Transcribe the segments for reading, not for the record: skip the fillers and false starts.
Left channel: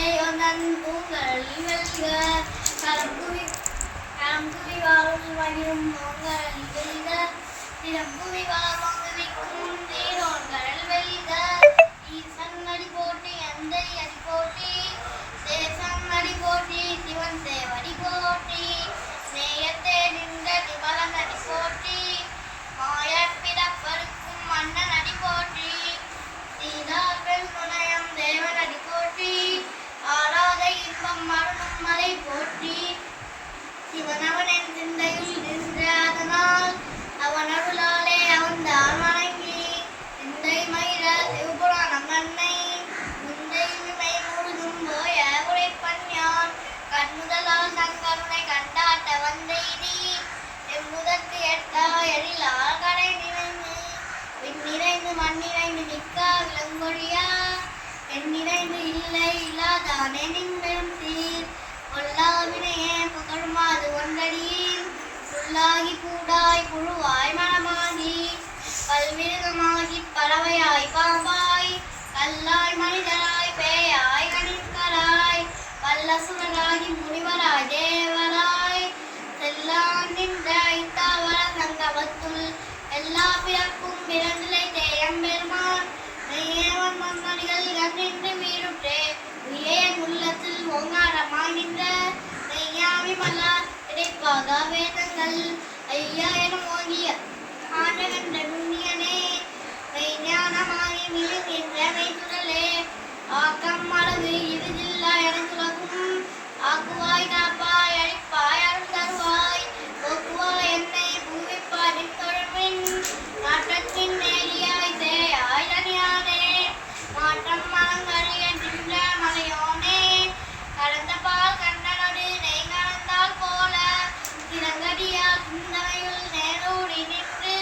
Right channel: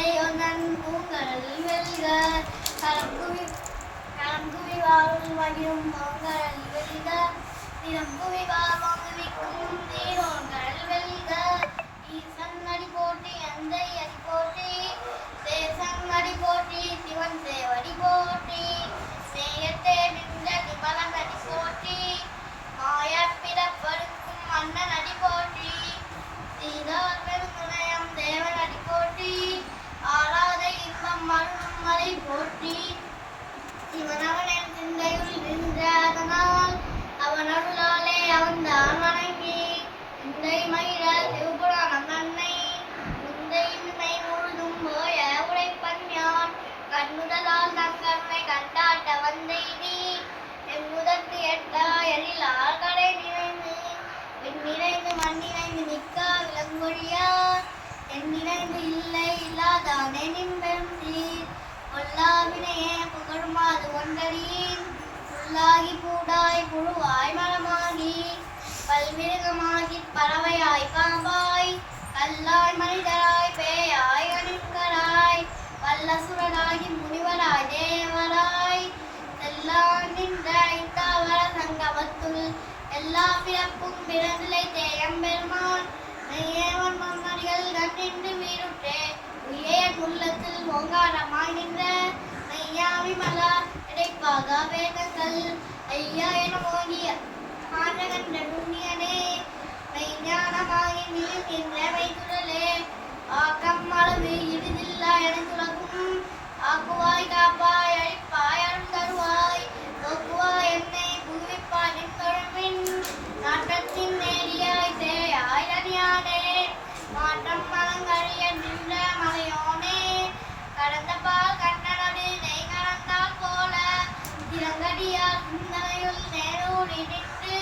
தந்தையொன்னன் பூங்கல் வெல்க களம்புவி வாழ் மகிழும் மாங்கல் வெல்க திறம்புவி வாமொழிக்கும் தீரோன்கள் வெல்க ஈசன் அடி போட்டி அந்தை அடி போட்டி சேசன் அடி போட்டி சிவன் சேவடி போட்டி நேயத்தே நின்ற திபலன் அடி போட்டி மாயப்பிறப்பருக்கும் மன்னன் அடி போட்டி சீதாக்கள் முனையம் தேவன் அடி போற்றி ஆராத இன்பம் மருணும் மலை போற்றி சிவனவனின் சிந்தையில் நின்ற அதனால் அவன் அருளாலே அவன் தான் வணங்கி சிந்தை மயிர சிவபுராணம் நன்னை முந்தை விமை முழுதும் போய உரைப்பன் யான் கண்முதலால் தன் கருணை கண்டாட்ட வந்தெய்தி எம்முதற்கு எட்டா எழிலால் கடை நிறைந்து விண்ணிறைந்து மண்ணிறைந்து நிற்கா விளங்கொழியா எண்ணிறைந்து இல்லை இல்லாதானே நின்பெரும் சீர் கொல்லாவினையே புகழ்மாது ஒன்றடியில் புல்லாகி பூடாய் புழுவாய் மரமாகி பல்மிருகமாகி பறவையாய் பாம்பாய் கல்லாய் மனிதராய் பேயாய் கணிக்கராய் வல்லசுரனாகி முனிவராய் தேவராய் செல்லான் நின்ற இத்தாவர சங்கமத்துள் எல்லா பிறப்பும் பிறந்திலை தேயம் பெருமான் மெய்யேவன் மம்மடிகள் கண்ணின்று மீறுற்றே உயேன் உள்ளத்தில் ஓங்காரமாய் நின்ற மெய்யாமி மலர் இடைப்பாக வேதங்கள் ஐயா என ஓங்கிய ஆண்டகண்ட நுண்ணியனே மெய்ஞானமாகி மிழுகின்ற மெய்துடலே ஆக்கம் அளவு இறுதில்லா எனக்குலகும் ஆக்குவாய் காப்பாய் அழிப்பாய் அருள் தருவாய் போக்குவாய் என்னை புகுவிப்பாய் நின் தொடர்பின் நாட்டத்தின் நேரியாய் தேயாய் தனியானே மாற்றம் மலங்கழிய நின்ற மலையோனே கடந்த பால் கண்டனோடு நெய் கலந்தால் போல திறங்கடியால் சிந்தனையுள் நேரோடி நின்று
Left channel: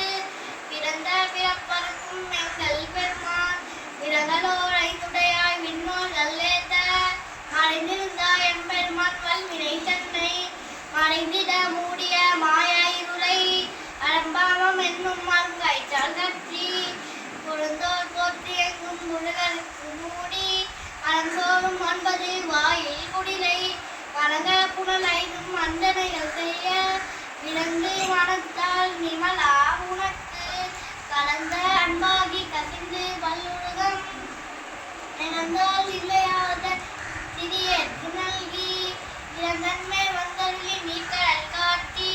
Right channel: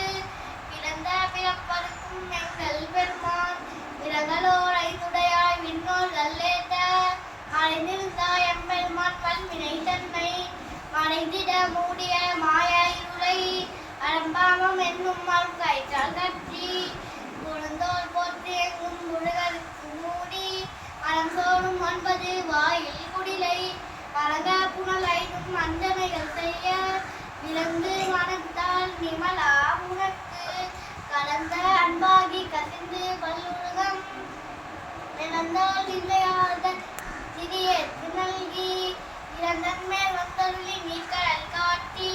பிறந்த பிறப்பருக்கும் எங்கள் பெருமான் விரங்களோரை துடையாய் விண்ணோர் நல்லேத்த மறைந்திருந்தாய் எம்பெருமான் வல்வினை தன்னை மறைந்திட மூடிய மாய இருளை அலம்பாமம் என்னும் மல்காய்ச்சால் கற்றி புறந்தோர் போற்றி எங்கும் முழுகருக்கு மூடி அலங்கோடும் 9 வாயில் குடிலை வணங்க புனலைதும் அந்தனைகள் செய்ய விலங்கு மனத்தால் நிமலா உனக்கு கலந்த அன்பாகி கசிந்து பல்லுலகம் இழந்தால் இல்லையாத சிறியேற்கு நல்கி இறந்தன்மை வந்தருளி நீக்கடல் காட்டி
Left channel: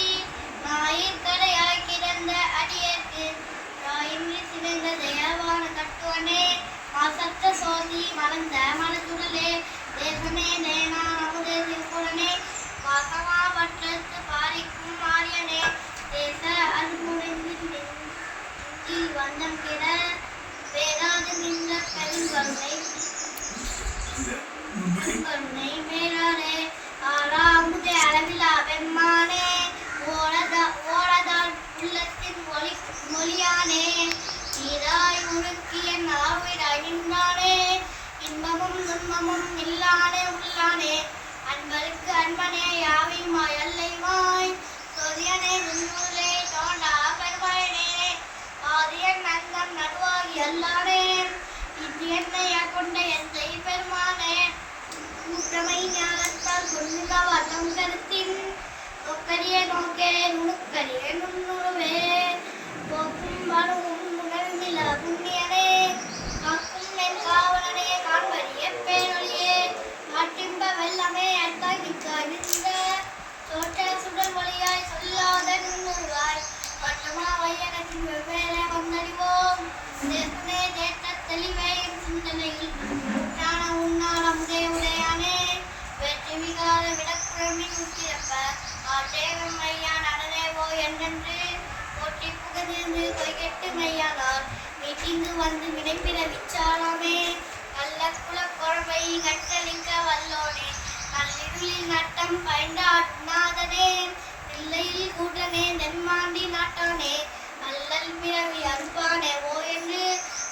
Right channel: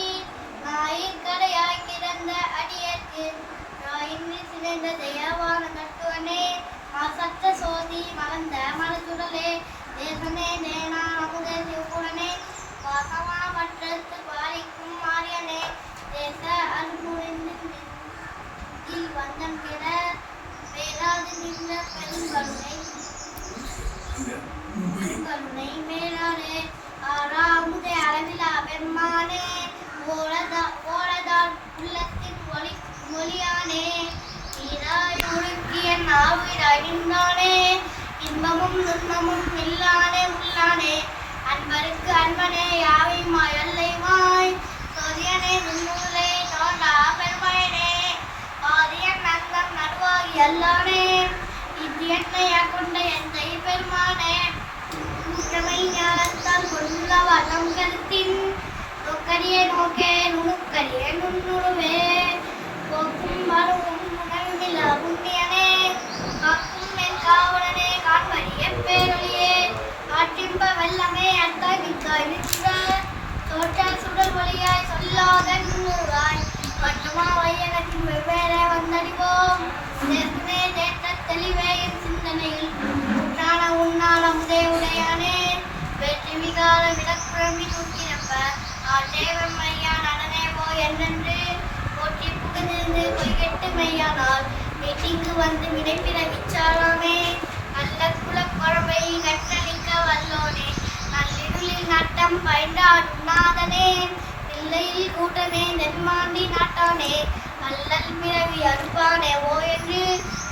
ஞாயிற்கரையாய் கிடந்த அடியேற்கு ராயின்றி சிறந்த தயாவான கட்டுவனே மாசற்ற சோதி மலர்ந்த மலச்சுடலே தேசமே தேனா அமுதே சிவபுரனே வாசமா வற்றத்து பாரிக்கும் மாரியனே தேச அன்புரிந்தின் வந்தம் கிட வேறாது நின்ற பெருங்கருணை மேலானே ஆறாமுதே அளவிலா பெருமானே ஓடதால் உள்ளத்தின் மொழியானே நீராய் உருக்கிய நாவிடாய் நின்றானே இன்பமும் துன்பமும் இல்லானே உள்ளானே அன்பருக்கு அன்பனே யாவைமாய் அல்லைவாய் சொதியனே துன்னுதே தோண்டா பெருமாயனே ஆதியன் நந்தம் நடுவாகி அல்லானே இது என்னைய கொண்ட எந்தை பெருமானே கூட்டமை ஞானத்தால் கொண்டுள்ள வண்ணம் கருத்தின் தொக்கரிய நோக்கே நுணுக்கரிய நுண்ணுருவே போக்கும் வரும் உணர்மில புண்ணியனே காக்கும் என் காவலனே காண்பறிய பேரொழியே ஆற்றின்ப வெள்ளமே அத்தாய் மிக்காய் நிற்க தோற்ற சுடல் வழியாய் சொல்லாத நுண்ணுருவாய் வட்டமா வையகத்தின் வெவ்வேறு வந்தறிவோம் தேசமே தேற்ற தெளிவே என் சிந்தனையில் ஊற்றான உன்னான முதே உடையானே வெற்றி விகார விடக்குழம்பி தூக்கிறப்ப ஆட்டேவன் மையா நடனேவோ என்றென்று போற்றி புகுந்திருந்து பொய்கெட்டு மையானால் மீட்டிங்கு வந்து வினைப்பிட விச்சாலாமே நல்ல குலக்குழம்பை கற்றளிக்க வல்லோனே நல்லிருளில் நட்டம் பயின்றாடுநாதனே இல்லையில் கூட்டனே நென்மாண்டி நாட்டானே அல்லல் பிறவி அறுப்பானே ஓ என்று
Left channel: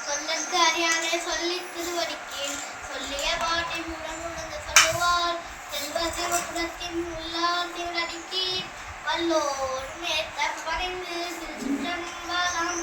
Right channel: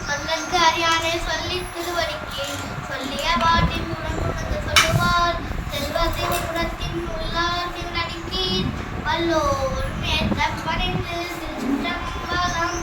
சொன்னற்கு அறியானே சொல்லி திருவடிக்கு சொல்லிய பாட்டின் உடனுணர்ந்து சொல்லுவார் செல்வ சிவகுணத்தின் உள்ளார் திருநடிக்கீர் வல்லோர் மேற்ற பணிந்து திருச்சிற்றம்பலம்